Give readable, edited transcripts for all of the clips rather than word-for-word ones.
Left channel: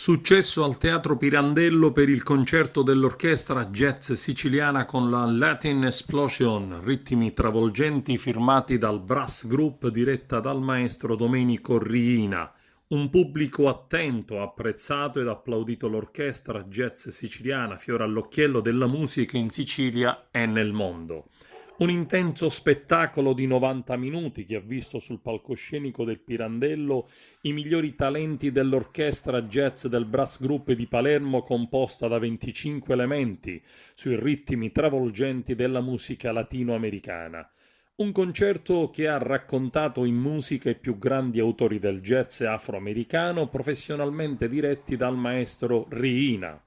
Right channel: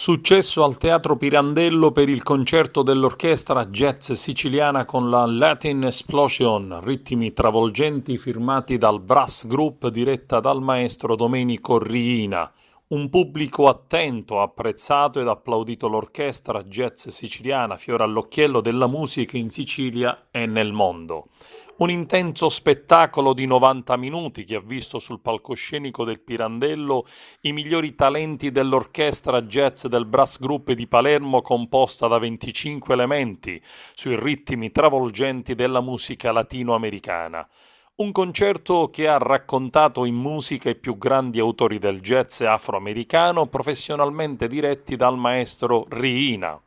Successo al Teatro Pirandello per il concerto dell'orchestra jazz siciliana con la Latin Explosion, ritmi travolgenti firmati dal Brass Group diretta dal maestro Domenico Riina. Un pubblico attento ha apprezzato ed applaudito l'orchestra jazz siciliana, fiore all'occhiello della musica in Sicilia e nel mondo. Un intenso spettacolo di 90 minuti che ha visto sul palcoscenico del Pirandello i migliori talenti dell'orchestra jazz del Brass Group di Palermo composta da 25 elementi sui ritmi travolgenti della musica latinoamericana. Un concerto che ha raccontato in musica i più grandi autori del jazz afroamericano professionalmente diretti dal maestro Riina.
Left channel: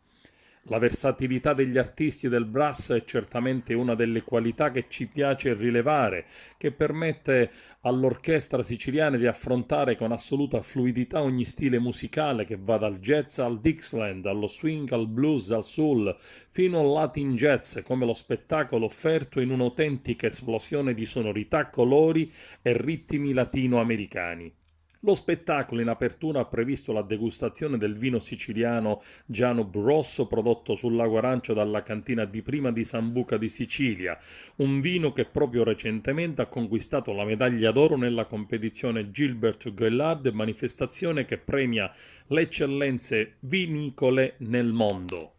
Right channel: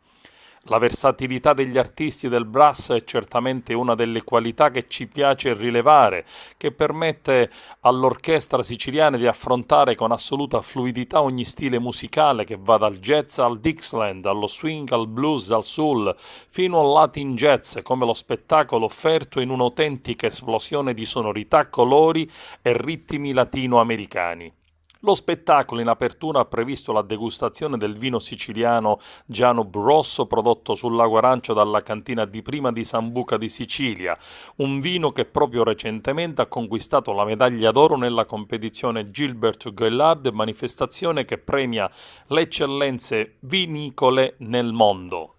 La versatilità degli artisti del brass è certamente una delle qualità che ci piace rilevare, che permette all'orchestra siciliana di affrontare con assoluta fluidità ogni stile musicale che va dal jazz al Dixieland, allo swing, al blues, al soul, fino al Latin jazz, come lo spettacolo offerto in un'autentica esplosione di sonorità, colori e ritmi latinoamericani. Lo spettacolo in apertura ha previsto la degustazione del vino siciliano Giano Rosso prodotto sul lago Arancio dalla cantina di prima di Sambuca di Sicilia, un vino che proprio recentemente ha conquistato la medaglia d'oro nella competizione Gilbert Gaillard, manifestazione che premia le eccellenze vinicole nel mondo.